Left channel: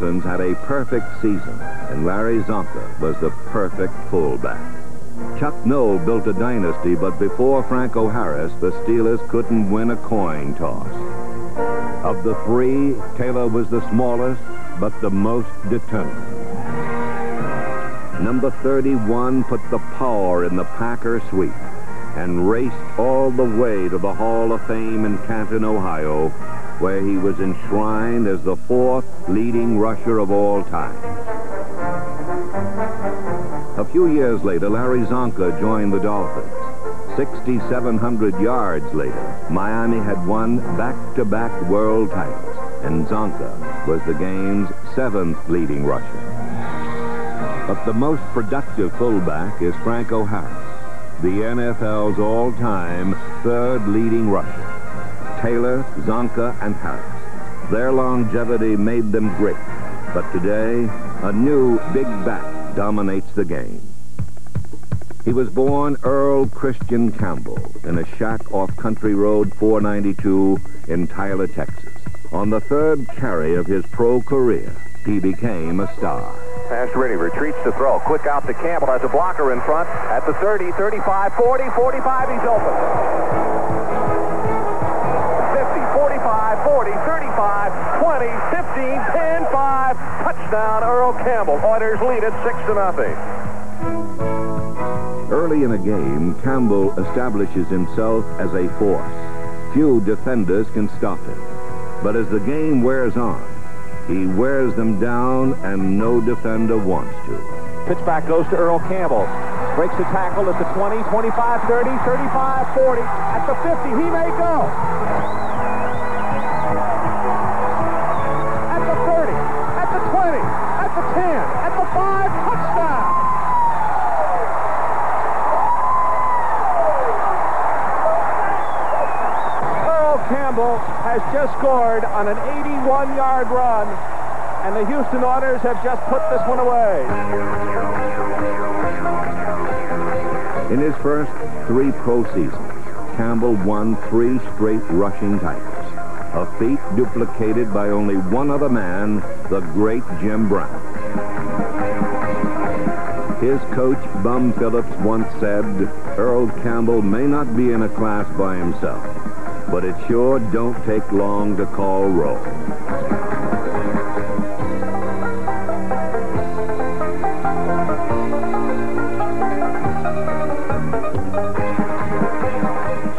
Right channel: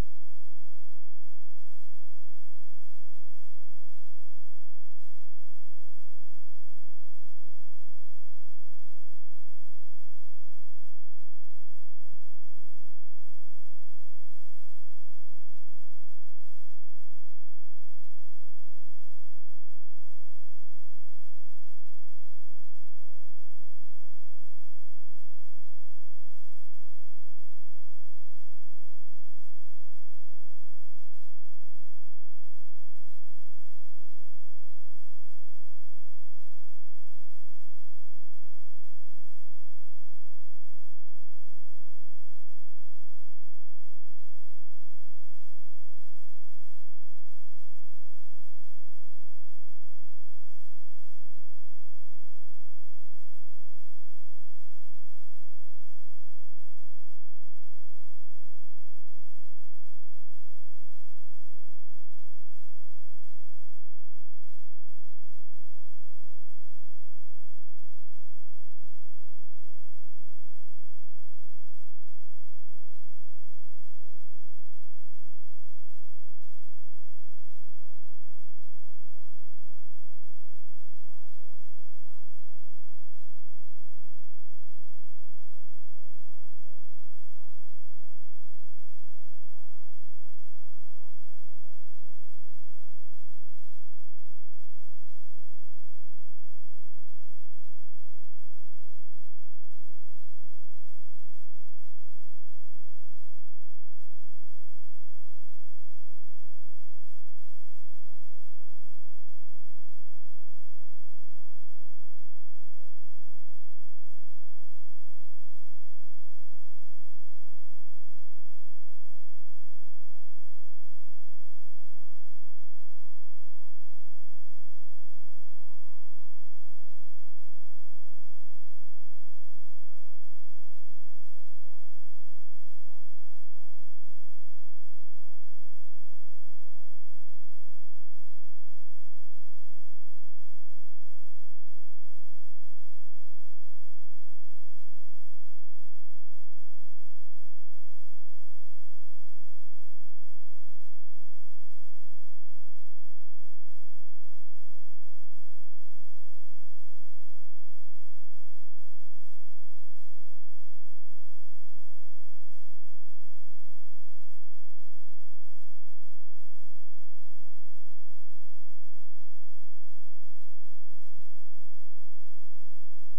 Dolphins had a perfect season, and Larry Zonka was the perfect fullback. Chuck Noll built a dynasty, but before Franco Harris, the Steelers couldn't win a coin toss. Of the three, Taylor was the smallest, but the most determined. Number 31 put the power in the Packer sweep and raced all the way to the Hall of Fame in Canton, Ohio, where he was enshrined as the fourth leading rusher of all time. A few years later, Larry Zonka joined the Dolphins. 6,700 yards later, Miami had won back-to-back world titles, and Zonka was the game's seventh leading rusher. But the most productive fullback is Franco Harris, the NFL's all-time third leading rusher. Taylor, Zonka, and Harris. Their longevity made them great, but today, a new big back dominates the game. He was born Earl Christian Campbell in a shack off Country Road 492 in Tyler, Texas. On the third carry of his pro career, he became a star. Pass ready, retreats to throw. Quick out to Campbell, has a blocker in front at the 30, 35, 40, 45, he's open. 50, 45, 40, 35, 20, 15, 10, 5. Touchdown, Earl Campbell. Oilers lead it 6-0. Early in a game, Campbell establishes himself as a force. Few defenders can stop him. But as the game wears on, he wears them down, and no defender wants to. Pitch back goes to Earl Campbell. Breaks the tackle at the 20, 25, 30, 35, 40. At the 50, he may go. At the 30, at the 20, at the 10, at the 5, touchdown. Earl Campbell has just scored on an 81-yard run, and the Houston Oilers have just put this one away. In his first 3 pro seasons, Campbell won 3 straight rushing titles, a feat duplicated by only one other man, the great Jim Brown. His coach, Bum Phillips, once said, "Earl Campbell may not be in a class by himself, but it sure don't take long to call roll."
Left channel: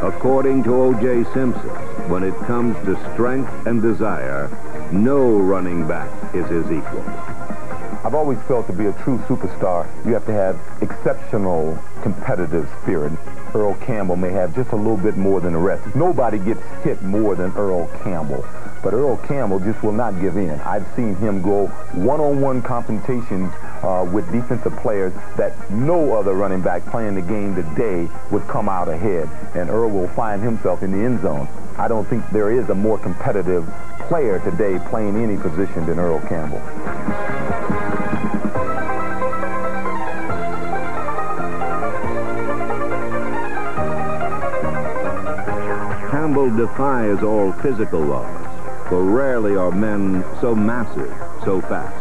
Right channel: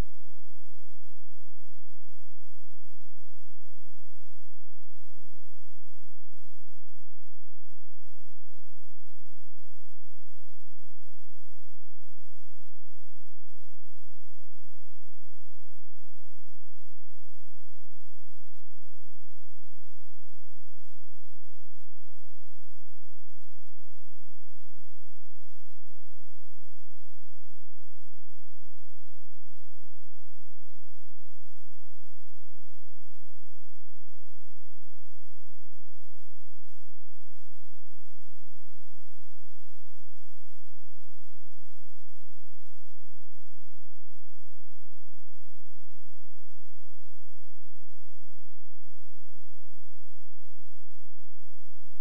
According to O.J. Simpson, when it comes to strength and desire, no running back is his equal. I've always felt to be a true superstar, you have to have exceptional competitive spirit. Earl Campbell may have just a little bit more than the rest. Nobody gets hit more than Earl Campbell. But Earl Campbell just will not give in. I've seen him go one-on-one confrontations with defensive players that no other running back playing the game today would come out ahead. And Earl will find himself in the end zone. I don't think there is a more competitive player today playing any position than Earl Campbell. Campbell defies all physical laws, for rarely are men so massive, so fast.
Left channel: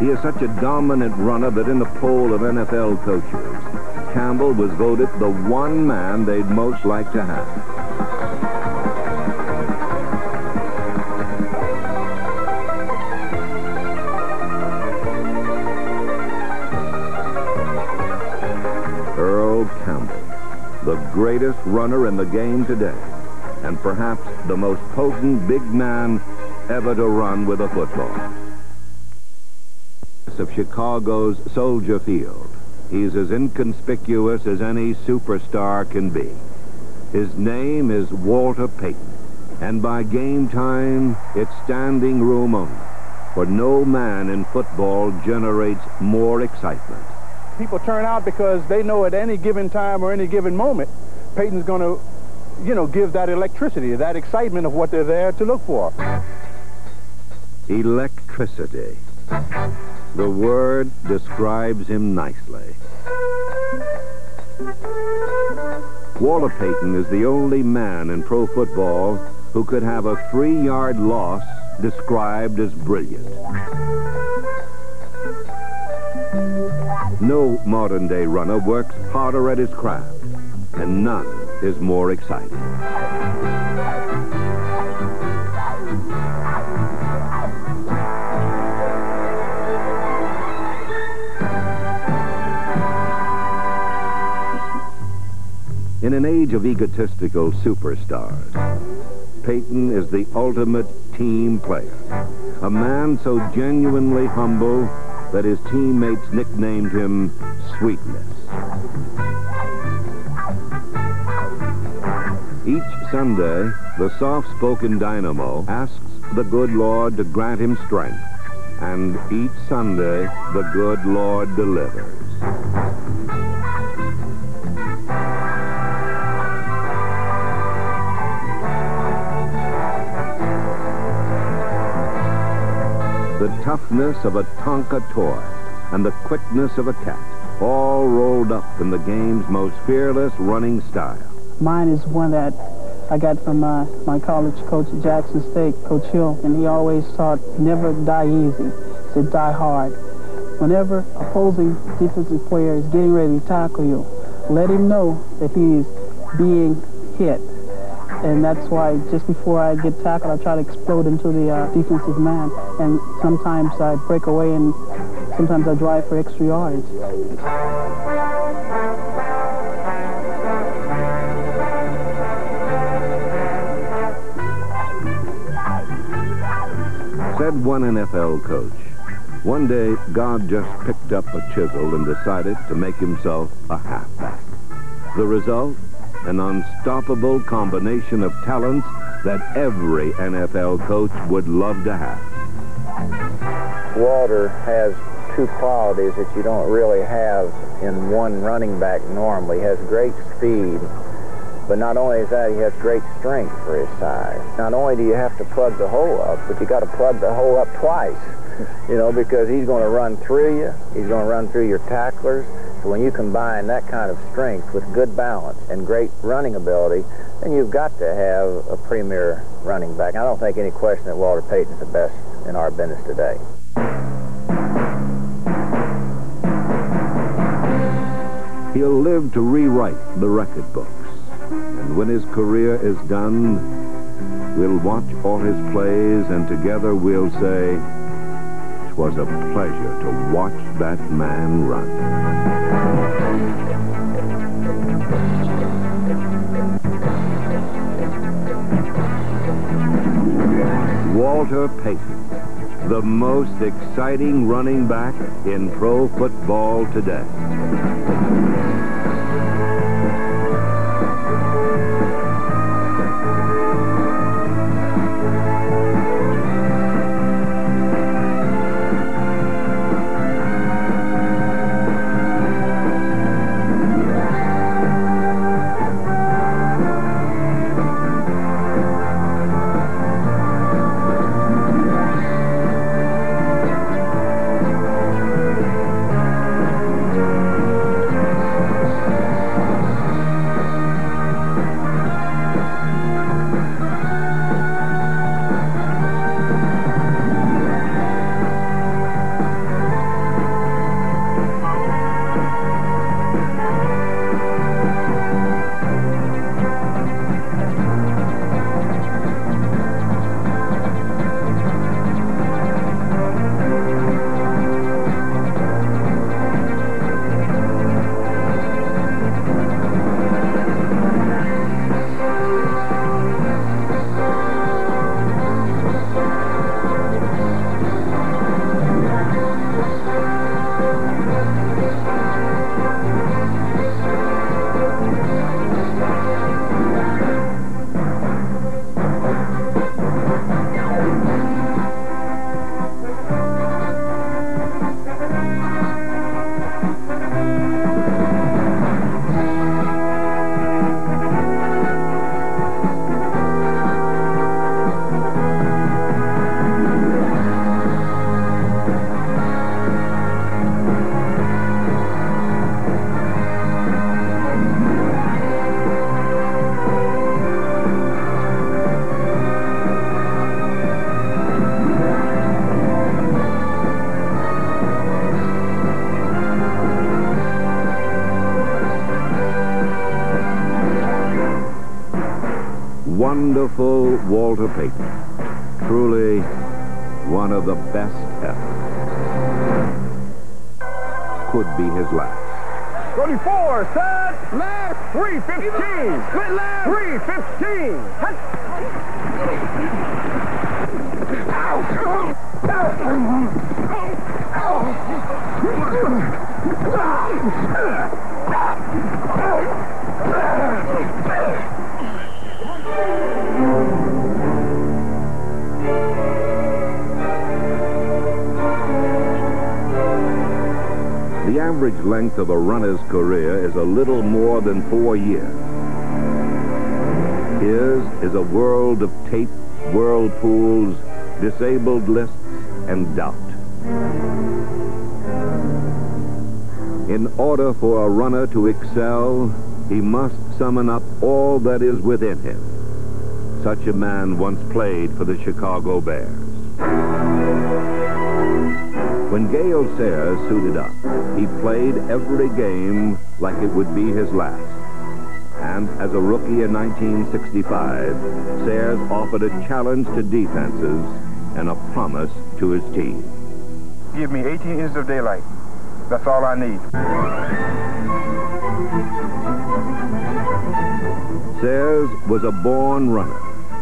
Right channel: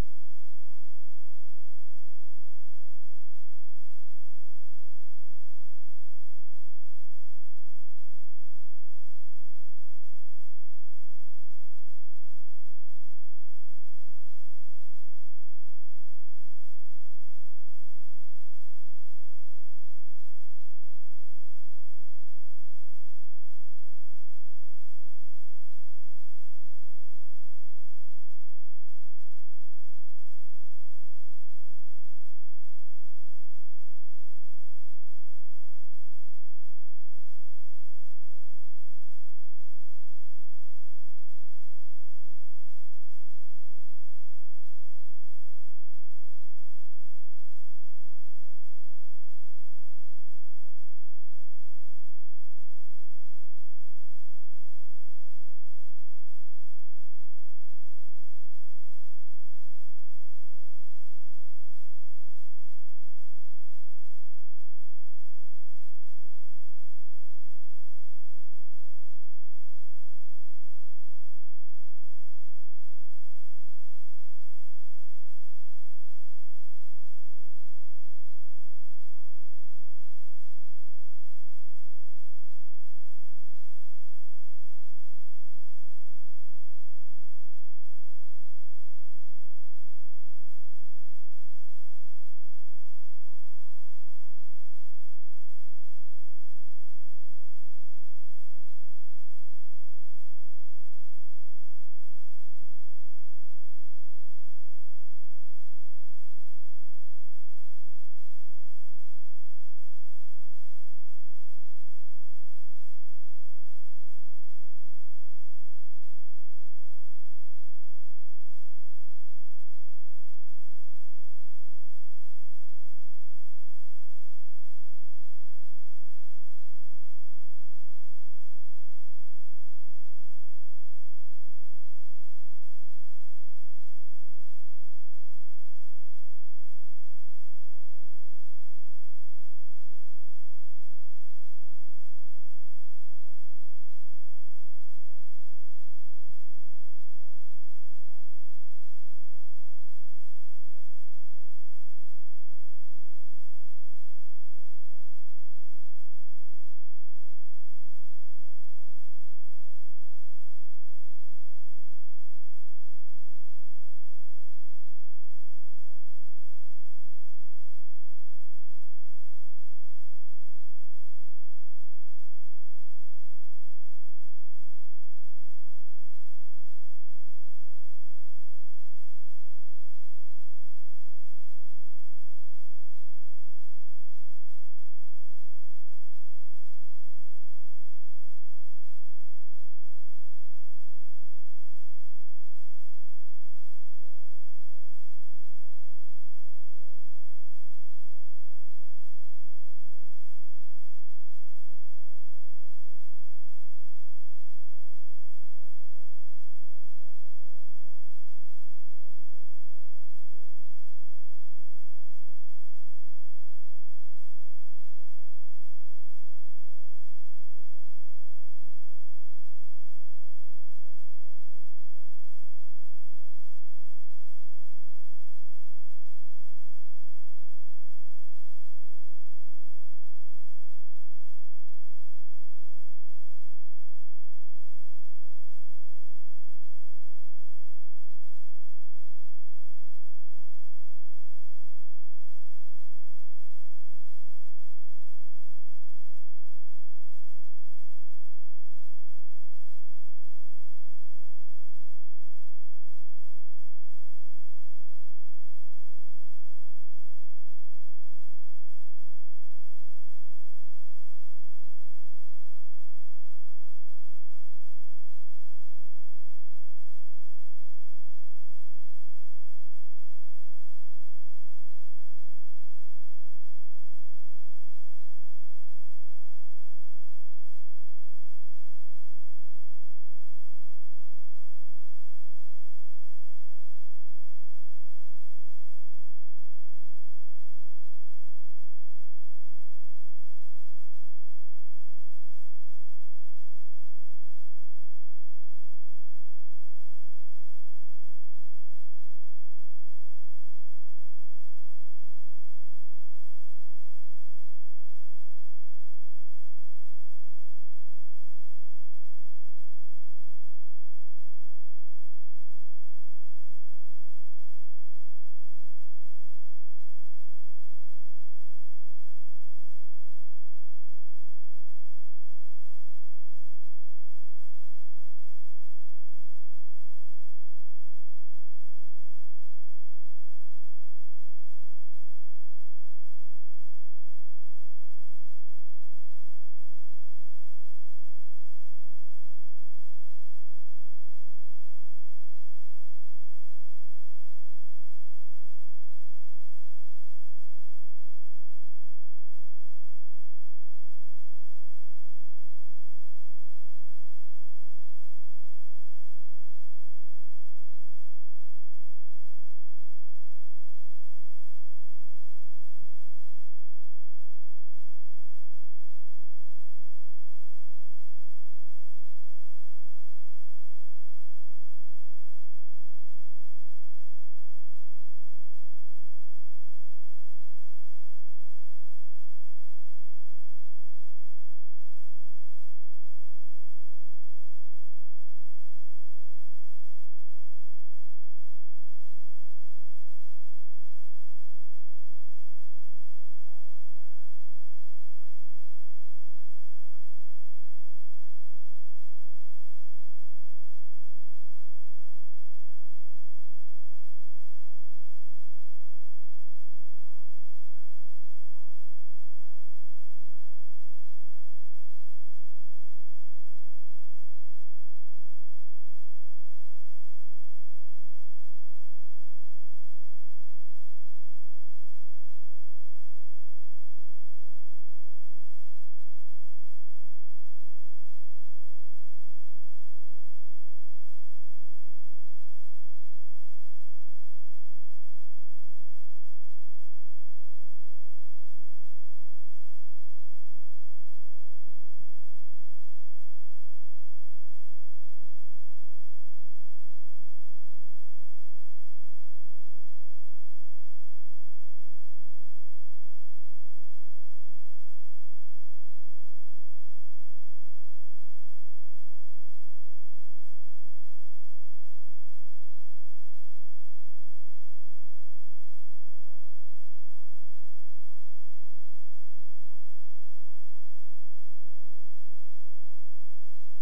He is such a dominant runner that in the poll of NFL coaches, Campbell was voted the one man they'd most like to have. Earl Campbell, the greatest runner in the game today, and perhaps the most potent big man ever to run with a football. Of Chicago's Soldier Field, he's as inconspicuous as any superstar can be. His name is Walter Payton, and by game time, it's standing room only, for no man in football generates more excitement. People turn out because they know at any given time or any given moment, Payton's going to, give that electricity, that excitement of what they're there to look for. Electricity. The word describes him nicely. Walter Payton is the only man in pro football who could have a 3-yard loss described as brilliant. No modern-day runner works harder at his craft, and none is more exciting. In an age of egotistical superstars, Payton is the ultimate team player, a man so genuinely humble that his teammates nicknamed him Sweetness. Each Sunday, the soft-spoken dynamo asks the good Lord to grant him strength, and each Sunday, the good Lord delivers. The toughness of a Tonka toy and the quickness of a cat, all rolled up in the game's most fearless running style. Mine is one that I got from my college coach at Jackson State, Coach Hill, and he always taught, never die easy. He said, die hard. Whenever opposing defensive player is getting ready to tackle you, let him know that he is being hit. And that's why just before I get tackled, I try to explode into the defensive man. And sometimes I break away, and sometimes I drive for extra yardage. Said one NFL coach, one day God just picked up a chisel and decided to make himself a halfback. The result? An unstoppable combination of talents that every NFL coach would love to have. Walter has two qualities that you don't really have in one running back normally. He has great speed, but not only is that, he has great strength for his size. Not only do you have to plug the hole up, but you got to plug the hole up twice, you know, because he's going to run through you, he's going to run through your tacklers. So when you combine that kind of strength with good balance and great running ability, then you've got to have a premier running back. I don't think any question that Walter Payton is the best in our business today. He'll live to rewrite the record books. And when his career is done, we'll watch all his plays, and together we'll say, it was a pleasure to watch that man run. Walter Payton, the most exciting running back in pro football today. wonderful Walter Payton. Truly one of the best ever. Could be his last. 34, set, left, 315, split left, 315. The average length of a runner's career is a little more than 4 years. His is a world of tape, whirlpools, disabled lists, and doubt. In order for a runner to excel, he must summon up all that is within him. Such a man once played for the Chicago Bears. When Gale Sayers suited up, he played every game like it would be his last. And as a rookie in 1965, Sayers offered a challenge to defenses and a promise to his team. Give me 18 inches of daylight. That's all I need. Sayers was a born runner,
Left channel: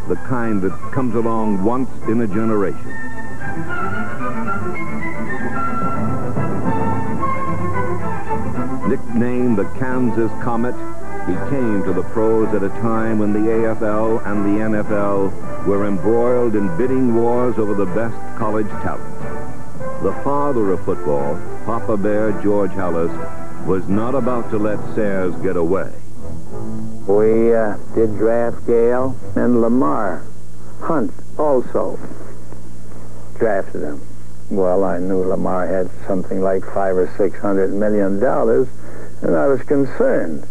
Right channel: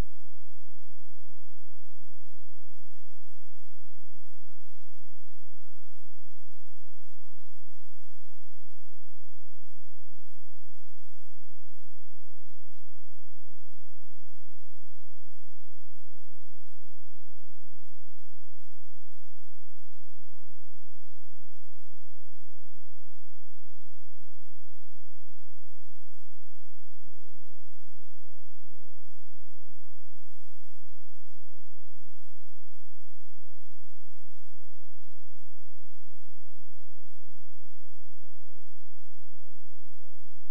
the kind that comes along once in a generation. Nicknamed the Kansas Comet, he came to the pros at a time when the AFL and the NFL were embroiled in bidding wars over the best college talent. The father of football, Papa Bear George Halas, was not about to let Sayers get away. We did draft Gale, and Lamar Hunt also drafted him. Well, I knew Lamar had something like $500 or $600 million, and I was concerned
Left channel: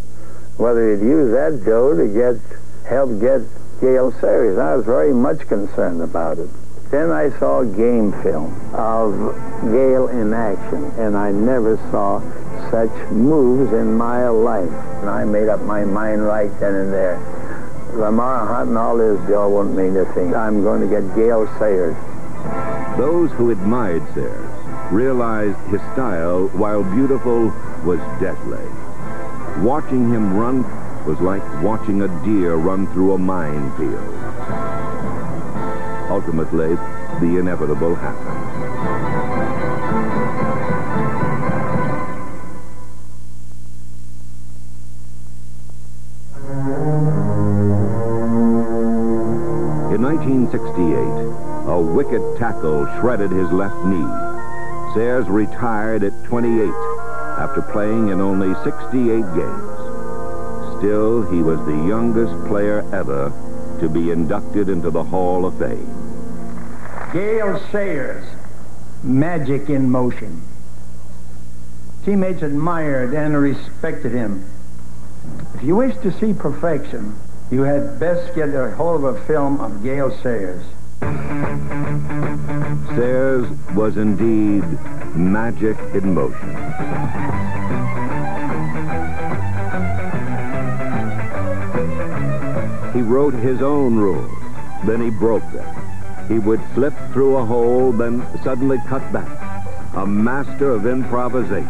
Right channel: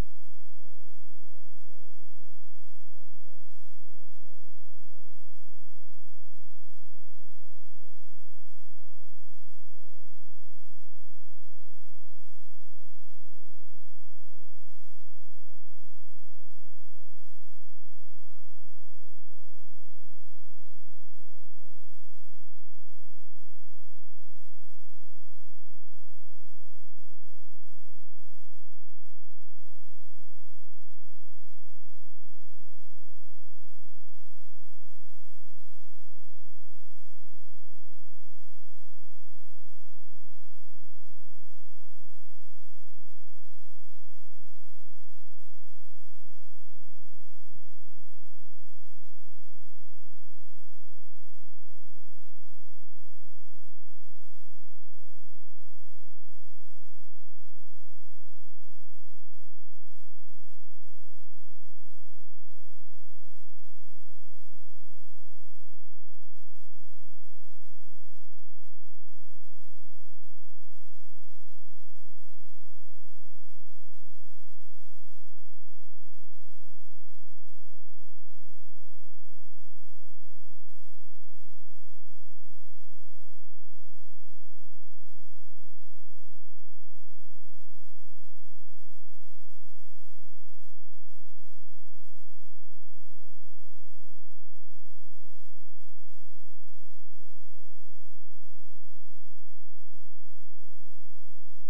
whether he'd use that dough to help get Gale Sayers. I was very much concerned about it. Then I saw game film of Gale in action, and I never saw such moves in my life. And I made up my mind right then and there. Lamar Hunt and all his dough won't mean a thing. I'm going to get Gale Sayers. Those who admired Sayers realized his style, while beautiful, was deadly. Watching him run was like watching a deer run through a minefield. Ultimately, the inevitable happened. In 1968, a wicked tackle shredded his left knee. Sayers retired at 28 after playing in only 68 games. Still, he was the youngest player ever to be inducted into the Hall of Fame. Gale Sayers, magic in motion. Teammates admired and respected him. If you wish to see perfection, you had best get a hold of a film of Gale Sayers. Sayers was indeed magic in motion. He wrote his own rules, then he broke them. He would slip through a hole, then suddenly cut back. A master of improvisation,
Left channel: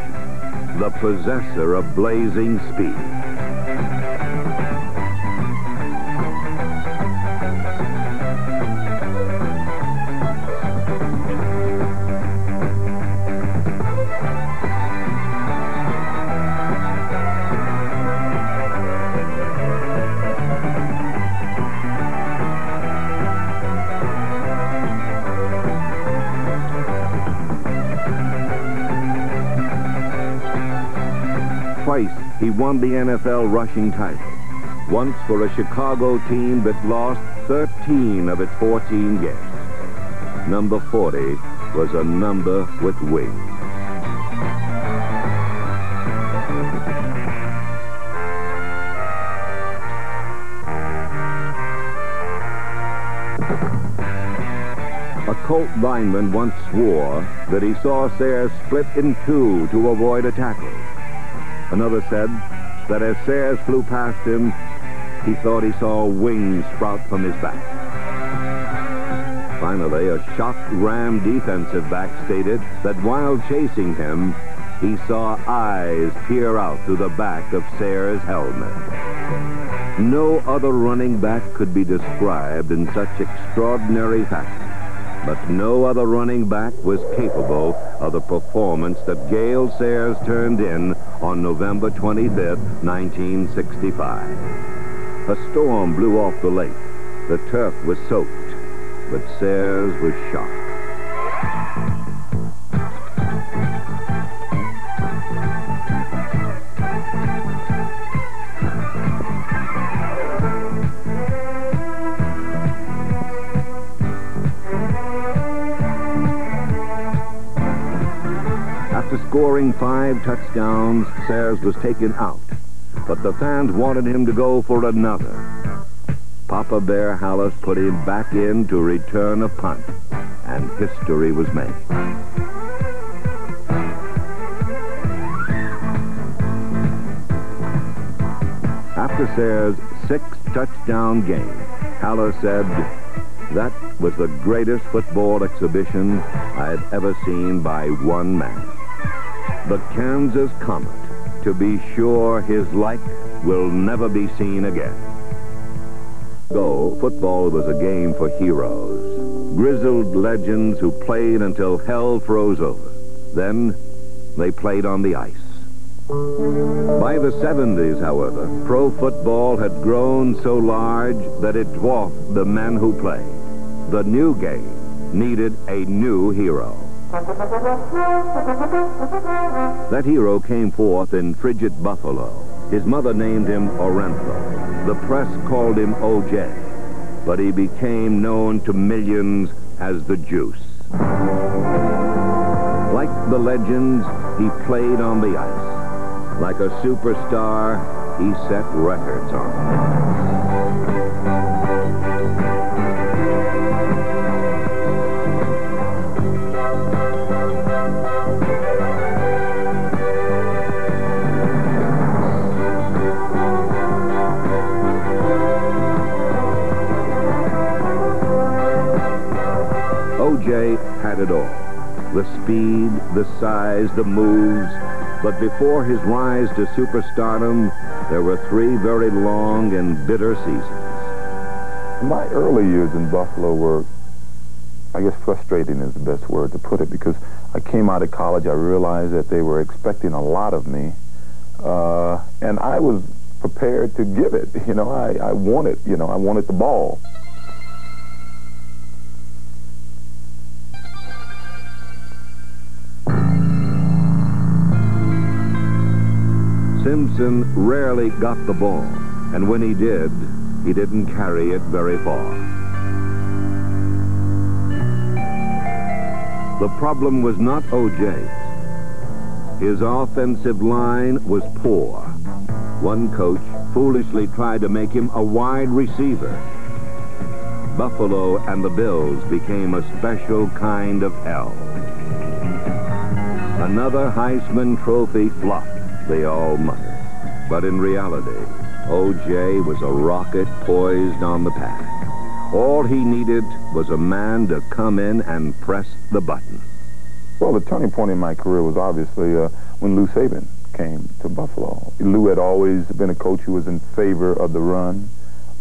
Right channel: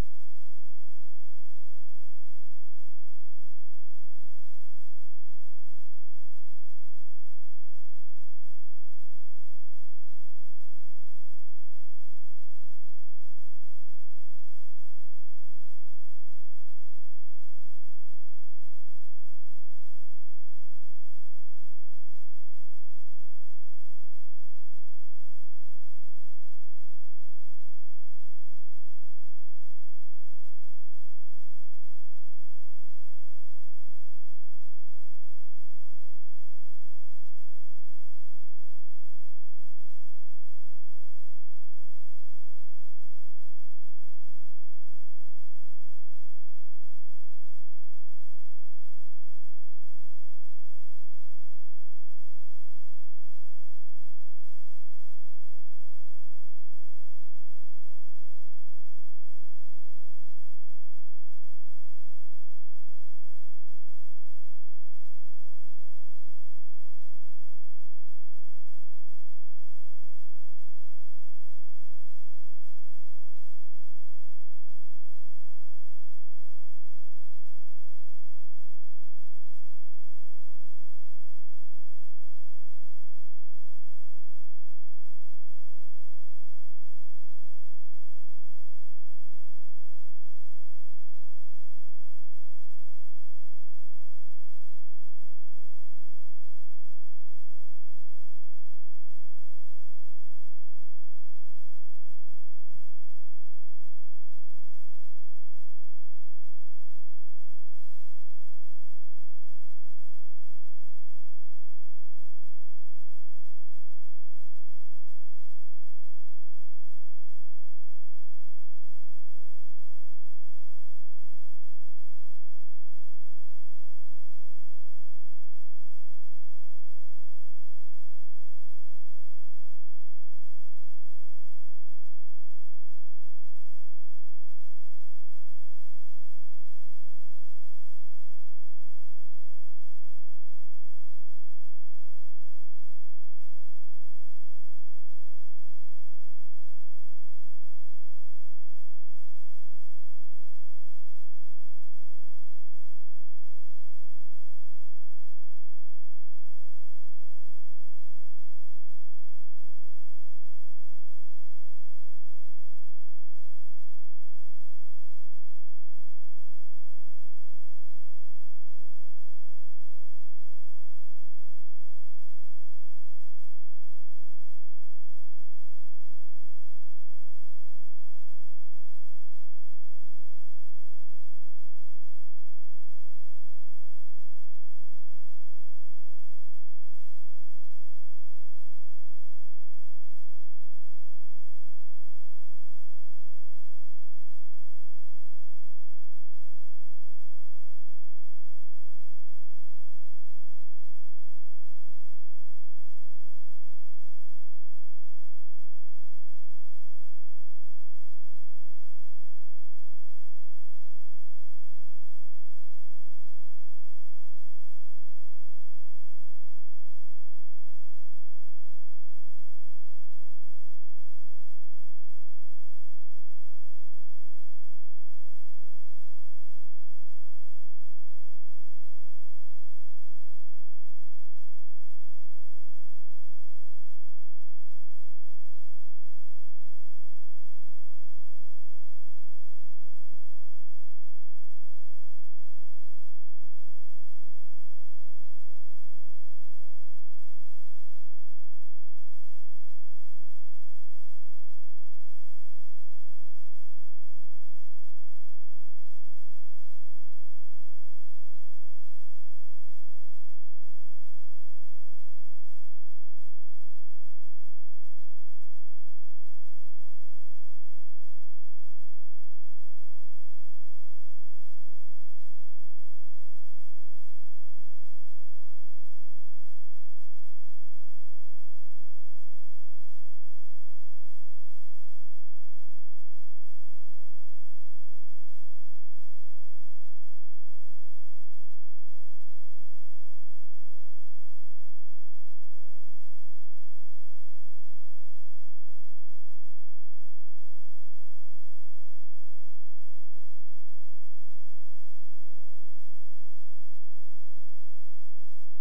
the possessor of blazing speed. Twice, he won the NFL rushing title. Once for a Chicago team that lost 13 of its 14 games. Number 40 was a number with wings. A Colt lineman once swore that he saw Sayers split in two to avoid a tackle. Another said that as Sayers flew past him, he thought he saw wings sprout from his back. Finally, a shocked Ram defensive back stated that while chasing him, he saw eyes peer out through the back of Sayers' helmet. No other running back could be described in such extraordinary fashion, but no other running back was capable of the performance that Gale Sayers turned in on November 25th, 1965. A storm blew off the lake. The turf was soaked, but Sayers was shocked. After scoring 5 touchdowns, Sayers was taken out, but the fans wanted him to go for another. Papa Bear Hallis put him back in to return a punt, and history was made. After Sayers' 6-touchdown game, Hallis said, "That was the greatest football exhibition I had ever seen by one man. The Kansas Comet, to be sure his like will never be seen again." So, football was a game for heroes, grizzled legends who played until hell froze over. Then, they played on the ice. By the 70s, however, pro football had grown so large that it dwarfed the men who played. The new game needed a new hero. That hero came forth in frigid Buffalo. His mother named him Orenthal. The press called him O.J., but he became known to millions as the Juice. Like the legends, he played on the ice. Like a superstar, he set records on it. O.J. had it all. The speed, the size, the moves. But before his rise to superstardom, there were 3 very long and bitter seasons. My early years in Buffalo were, I guess, frustrating is the best word to put it, because I came out of college, I realized that they were expecting a lot of me, and I was prepared to give it. I wanted, I wanted the ball. Simpson rarely got the ball, and when he did, he didn't carry it very far. The problem was not O.J.'s. His offensive line was poor. One coach foolishly tried to make him a wide receiver. Buffalo and the Bills became a special kind of hell. Another Heisman Trophy flop, they all muttered. But in reality, O.J. was a rocket poised on the path. All he needed was a man to come in and press the button. Well, the turning point in my career was obviously when Lou Saban came to Buffalo. Lou had always been a coach who was in favor of the run.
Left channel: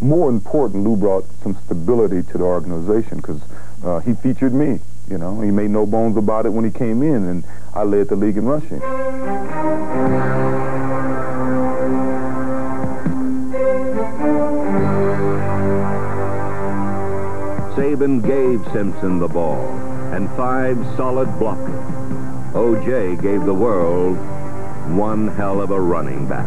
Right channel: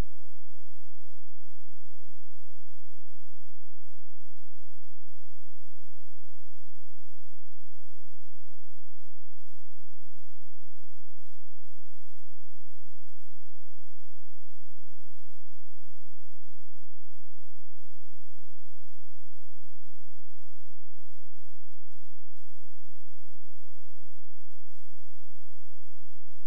More important, Lou brought some stability to the organization because he featured me. He made no bones about it when he came in, and I led the league in rushing. Saban gave Simpson the ball and 5 solid blockers. O.J. gave the world one hell of a running back.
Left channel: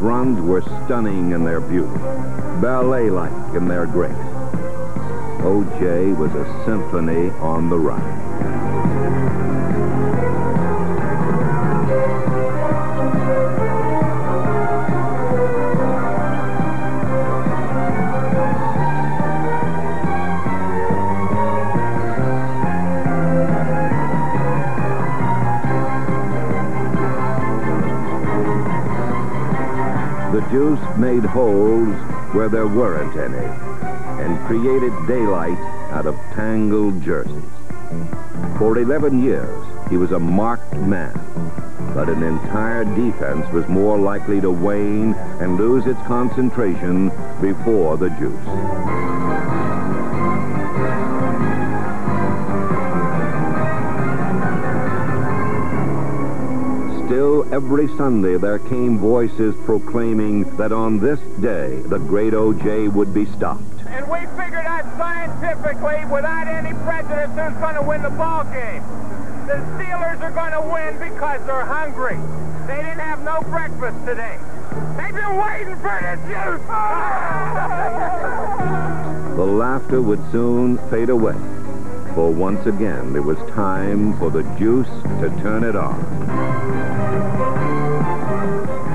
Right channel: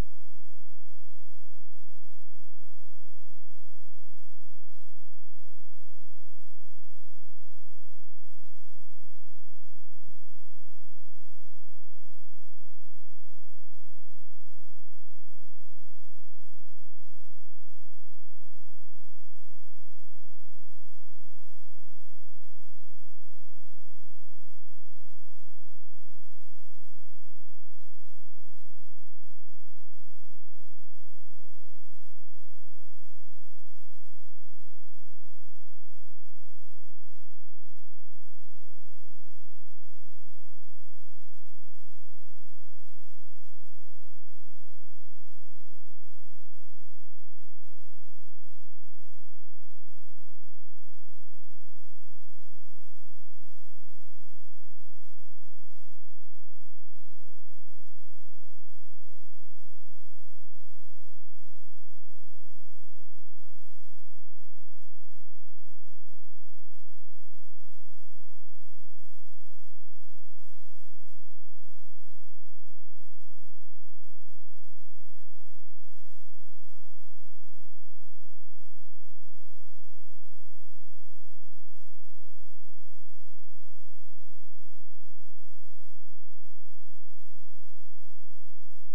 runs were stunning in their beauty, ballet-like in their grace. O.J. was a symphony on the run. The juice made holes where there weren't any and created daylight out of tangled jerseys. For 11 years, he was a marked man, but an entire defense was more likely to wane and lose its concentration before the juice. Still, every Sunday there came voices proclaiming that on this day, the great O.J. would be stopped. And we figured out scientifically, without any prejudice, who's going to win the ball game. The Steelers are going to win because they're hungry. They didn't have no breakfast today. They've been waiting for this juice. The laughter would soon fade away, for once again it was time for the juice to turn it on.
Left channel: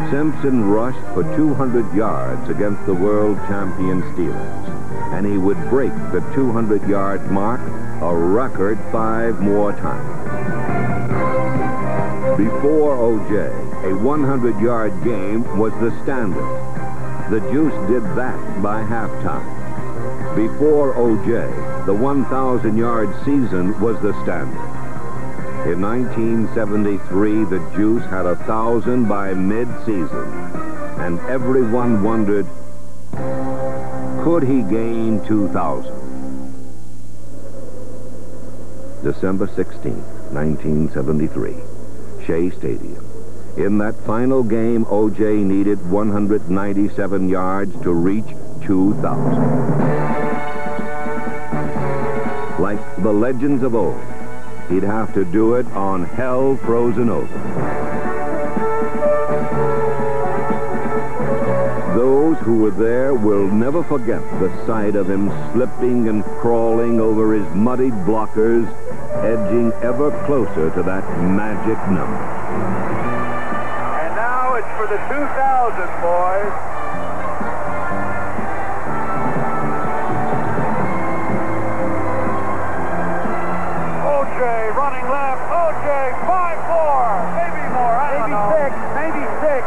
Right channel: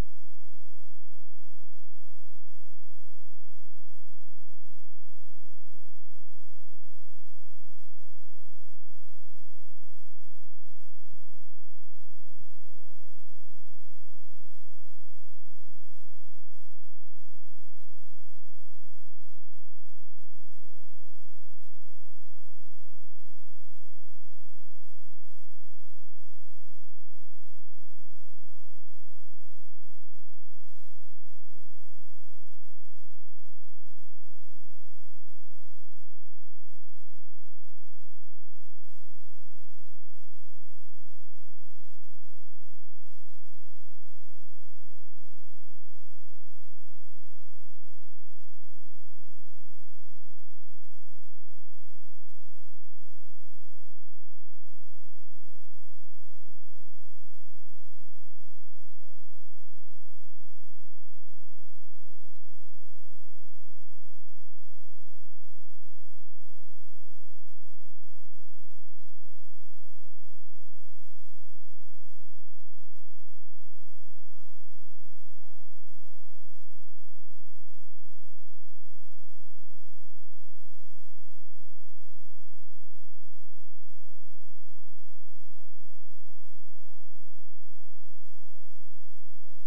Simpson rushed for 200 yards against the world champion Steelers, and he would break the 200-yard mark a record 5 more times. Before O.J., a 100-yard game was the standard. The juice did that by halftime. Before O.J., the 1,000-yard season was the standard. In 1973, the juice had 1,000 by mid-season, and everyone wondered, could he gain 2,000? December 16, 1973, Shea Stadium. In that final game, O.J. needed 197 yards to reach 2,000. Like the legends of old, he'd have to do it on hell frozen over. Those who were there will never forget the sight of him slipping and crawling over his muddied blockers, edging ever closer to that magic number. And now it's for the 2,000, boys. Running left, O.J., 5-4, maybe more, I don't know. Maybe six.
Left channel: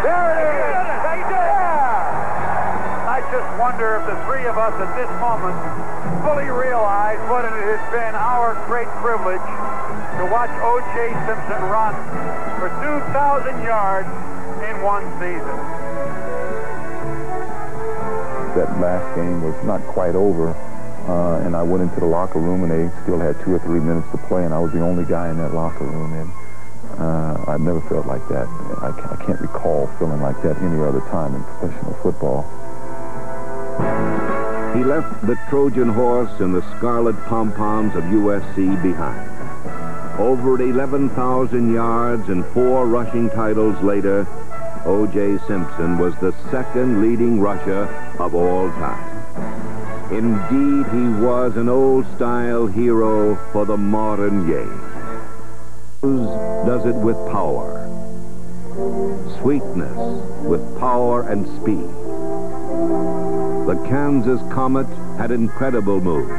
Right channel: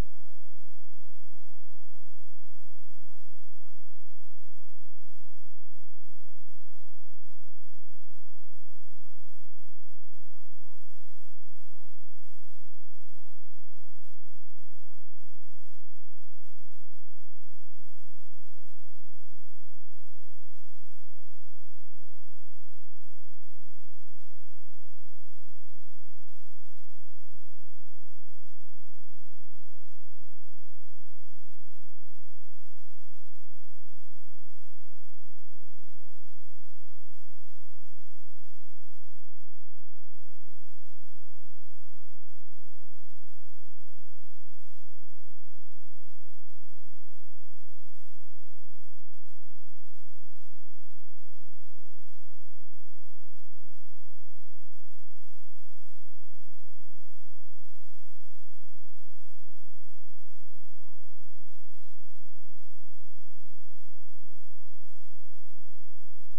There it is. They did it. Yeah. I just wonder if the three of us at this moment fully realize what it has been our great privilege to watch O.J. Simpson run for 2,000 yards in one season. That last game was not quite over. And I went into the locker room, and they still had 2 or 3 minutes to play, and I was the only guy in that locker room. And I've never felt like that. I can't recall feeling like that any other time in professional football. He left the Trojan horse and the scarlet pom-poms of USC behind. Over 11,000 yards and 4 rushing titles later, O.J. Simpson was the second leading rusher of all time. Indeed, he was an old-style hero for the modern game. Does it with power, sweetness with power and speed. The Kansas Comet had incredible moves.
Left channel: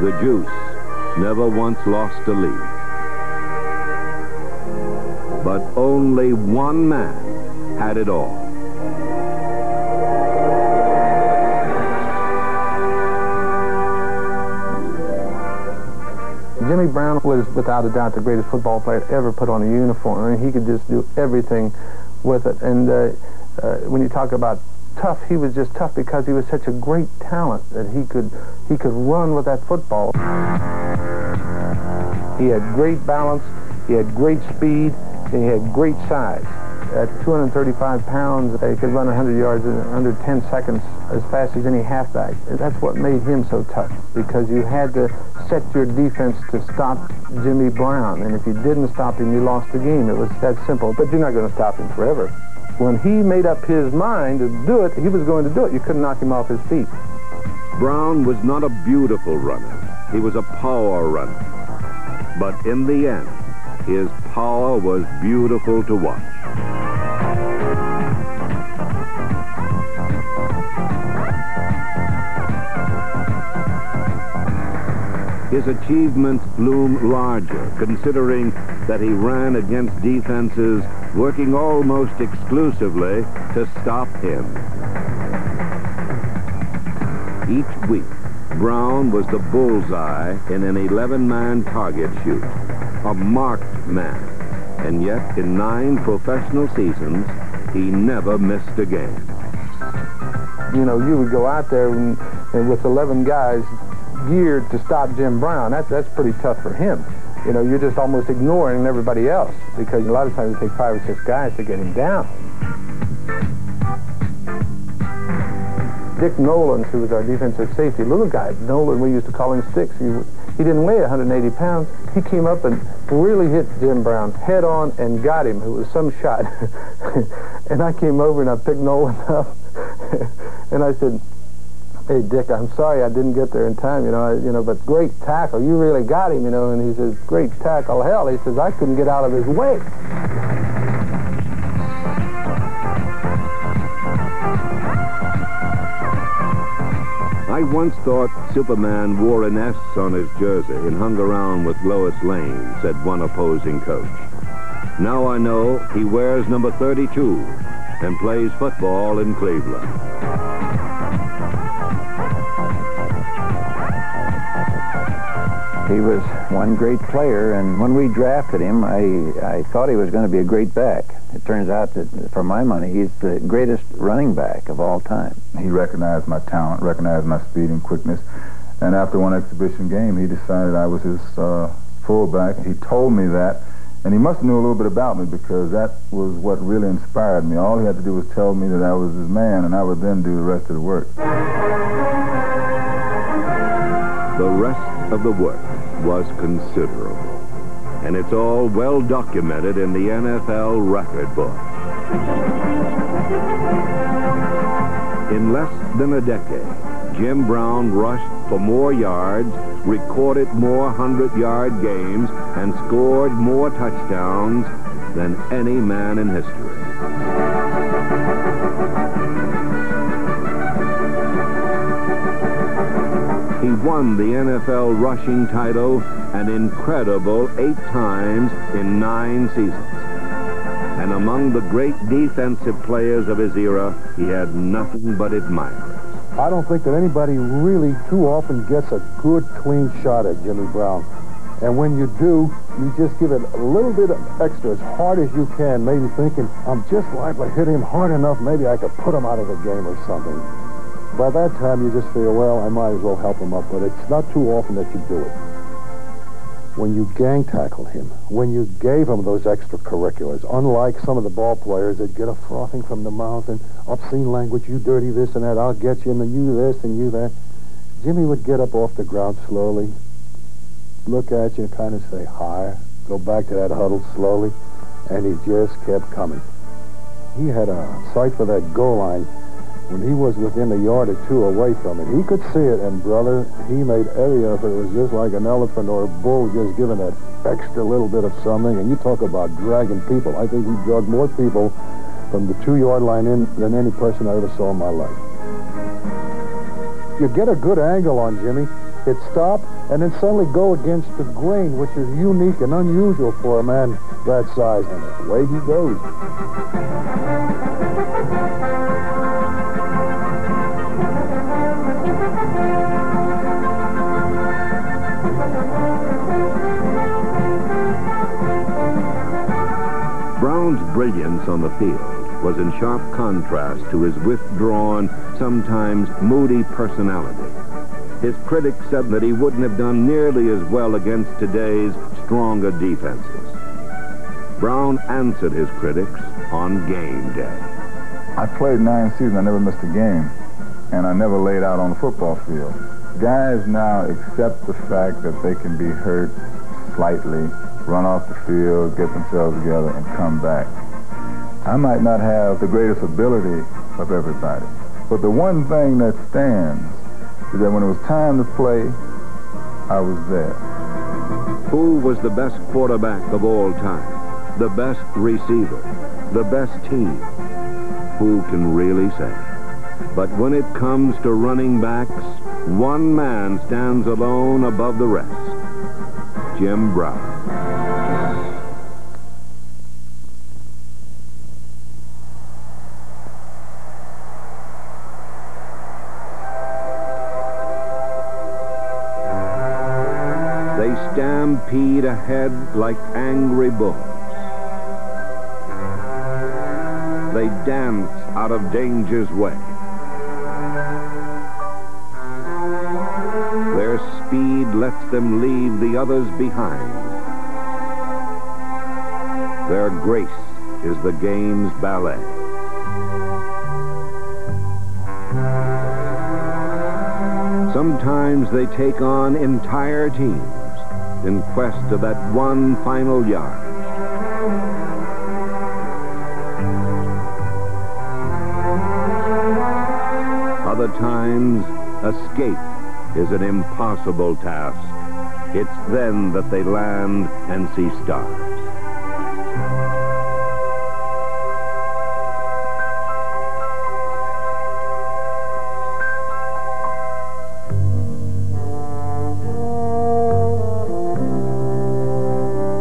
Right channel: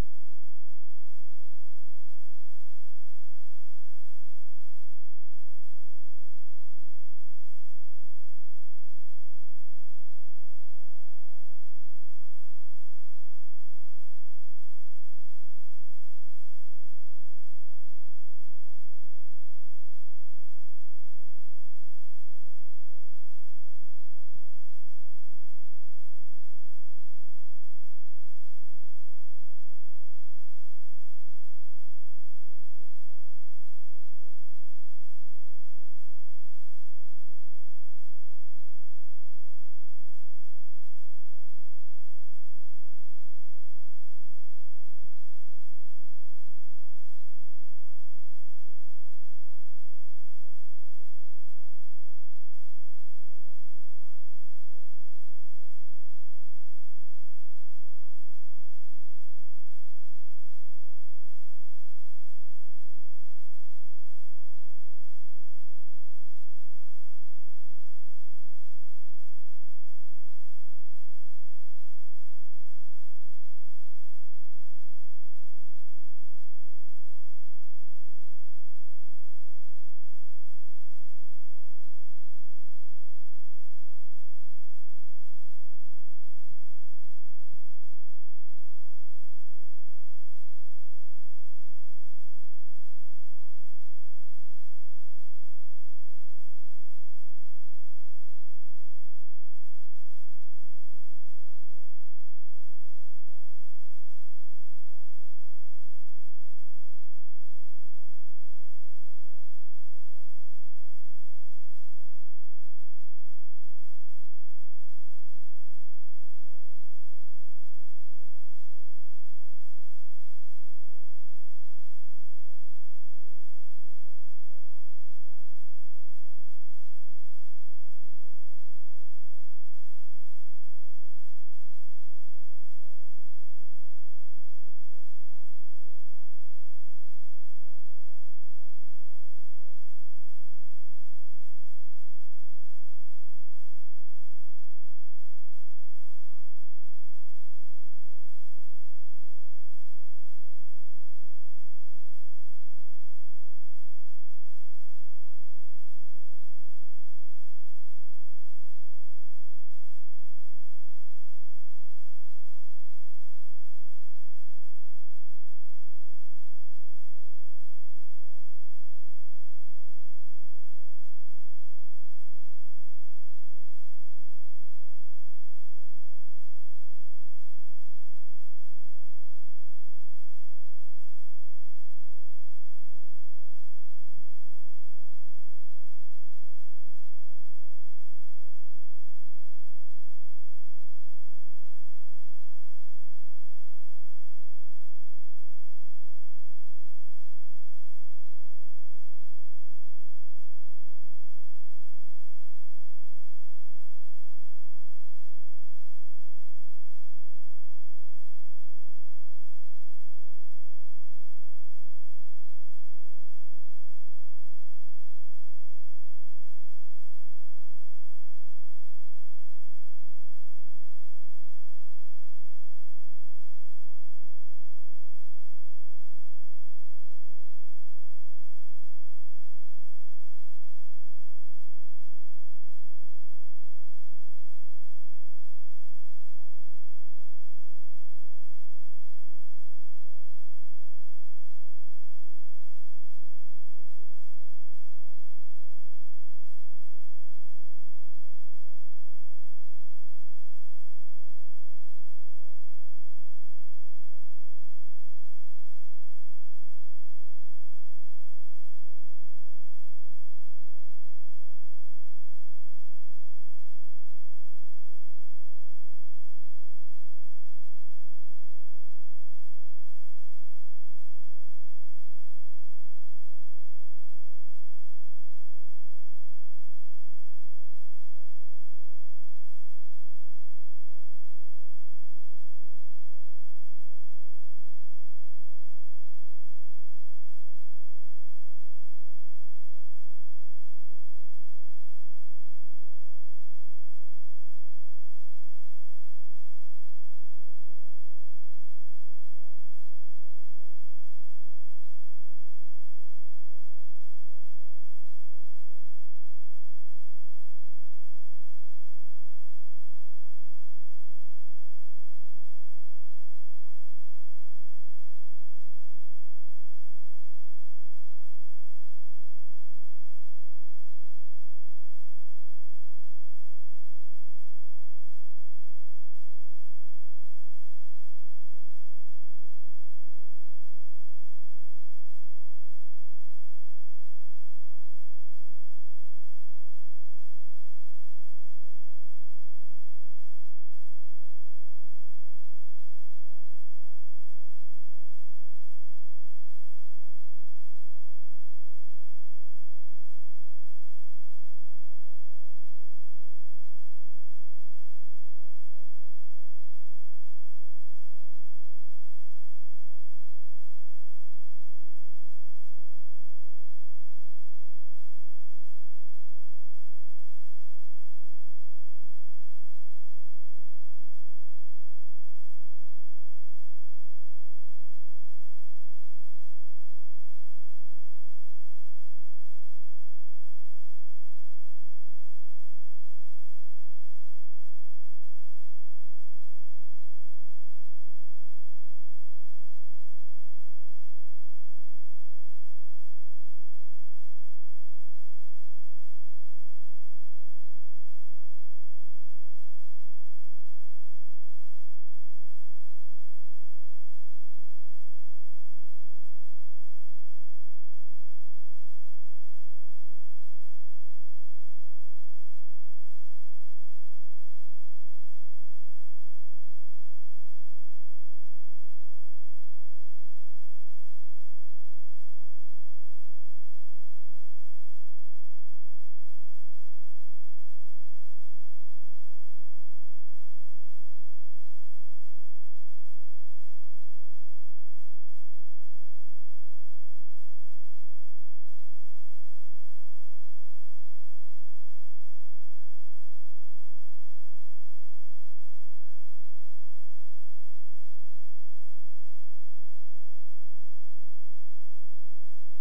The juice never once lost a lead. But only one man had it all. Jimmy Brown was, without a doubt, the greatest football player ever put on a uniform. I mean, he could just do everything with it. And when you talk about tough, he was just tough because he was such a great talent that he could run with that football. He had great balance, he had great speed, and he had great size. At 235 pounds, he could run 100 yards in under 10 seconds as fast as any halfback. That's what made him so tough, because you had to set your defense to stop Jimmy Brown, and if you didn't stop him, you lost the game. It was that simple. But you're not going to stop him forever. When he made up his mind to do it, he was going to do it. You couldn't knock him off his feet. Brown was not a beautiful runner. He was a power runner. But in the end, his power was beautiful to watch. His achievements loom larger, considering that he ran against defenses working almost exclusively to stop him. Each week, Brown was the bullseye in an 11-man target shoot, a marked man. And yet, in 9 professional seasons, he never missed a game. You know, you would go out there and with 11 guys geared to stop Jim Brown. That's pretty tough for him. You know, you're just almost ignoring everybody else because a lot of times it takes 5 or 6 guys to get him down. Dick Nolan, who was our defensive safety, little guy, Nolan, we used to call him Sticks. He didn't weigh 180 pounds. He came up and really hit Jim Brown head on and got him. It was some shot. And I came over and I picked Nolan up. And I said, "Hey, Dick, I'm sorry I didn't get there in time, but great tackle. You really got him, And he says, "Great tackle, hell." He says, "I couldn't get out of his way." I once thought Superman wore an S on his jersey and hung around with Lois Lane, said one opposing coach. Now I know he wears number 32 and plays football in Cleveland. He was one great player, and when we drafted him, I thought he was going to be a great back. It turns out that, for my money, he's the greatest running back of all time. He recognized my talent, recognized my speed and quickness, and after one exhibition game, he decided I was his fullback. He told me that, and he must have knew a little bit about me because that was what really inspired me. All he had to do was tell me that I was his man, and I would then do the rest of the work. The rest of the work was considerable, and it's all well documented in the NFL record book. In less than a decade, Jim Brown rushed for more yards, recorded more 100-yard games, and scored more touchdowns than any man in history. He won the NFL rushing title an incredible 8 times in 9 seasons. And among the great defensive players of his era, he had nothing but admirers. I don't think that anybody really too often gets a good, clean shot at Jimmy Brown. And when you do, you just give it a little bit extra, as hard as you can, maybe thinking, I'm just liable to hit him hard enough, maybe I could put him out of the game or something. By that time, you just feel, well, I might as well help him up, but it's not too often that you do it. When you gang tackled him, when you gave him those extracurriculars, unlike some of the ball players that get a frothing from the mouth and obscene language, you dirty this and that, I'll get you, and then you this and you that, Jimmy would get up off the ground slowly, look at you and kind of say, hi, go back to that huddle slowly, and he just kept coming. He had a sight for that goal line when he was within a yard or 2 away from it. He could see it, and, brother, he made every effort. It was just like an elephant or a bull just giving that extra little bit of something. And you talk about dragging people. I think he dragged more people from the 2-yard line in than any person I ever saw in my life. You get a good angle on Jimmy, hit stop, and then suddenly go against the grain, which is unique and unusual for a man that size. And away he goes. Brown's brilliance on the field was in sharp contrast to his withdrawn, sometimes moody personality. His critics said that he wouldn't have done nearly as well against today's stronger defenses. Brown answered his critics on game day. I played 9 seasons. I never missed a game, and I never laid out on the football field. Guys now accept the fact that they can be hurt slightly, run off the field, get themselves together, and come back. I might not have the greatest ability of everybody, but the one thing that stands is that when it was time to play, I was there. Who was the best quarterback of all time? The best receiver? The best team? Who can really say? But when it comes to running backs, one man stands alone above the rest. Jim Brown. They stampede ahead like angry bulls. They dance out of danger's way. Their speed lets them leave the others behind. Their grace is the game's ballet. Sometimes they take on entire teams in quest of that one final yard. Other times, escape is an impossible task. It's then that they land and see stars.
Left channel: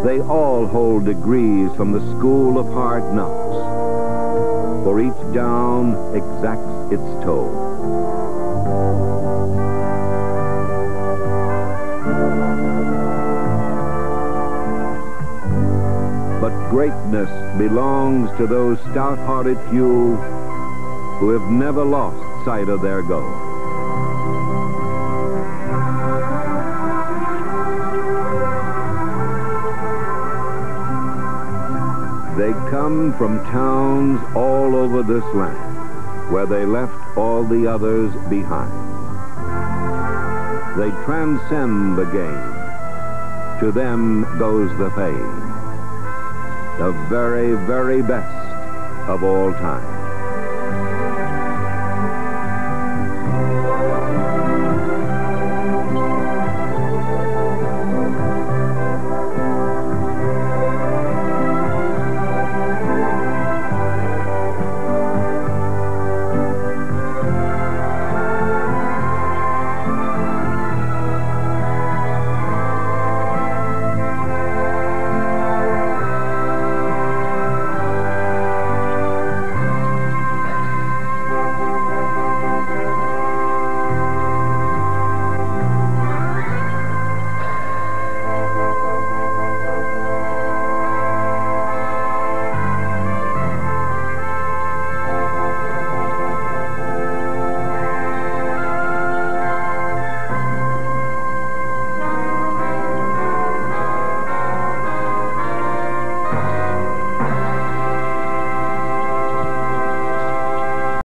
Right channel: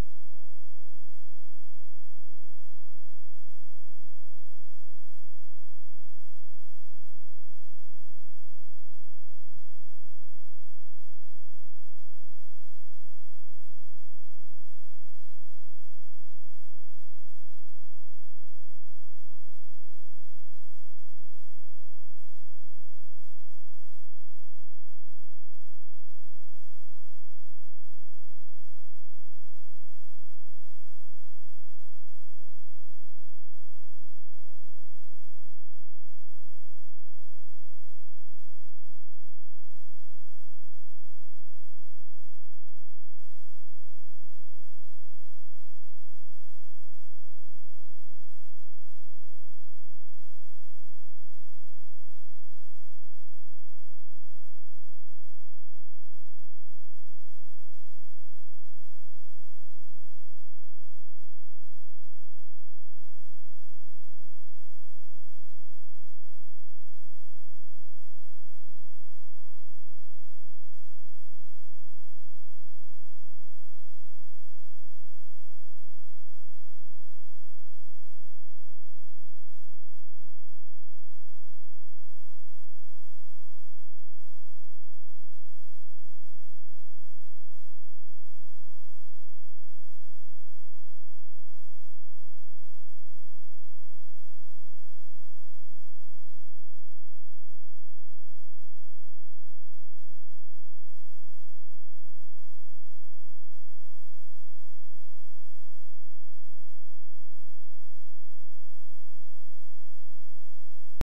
They all hold degrees from the school of hard knocks, for each down exacts its toll. But greatness belongs to those stout-hearted few who have never lost sight of their goal. They come from towns all over this land, where they left all the others behind. They transcend the game. To them goes the fame. The very, very best of all time.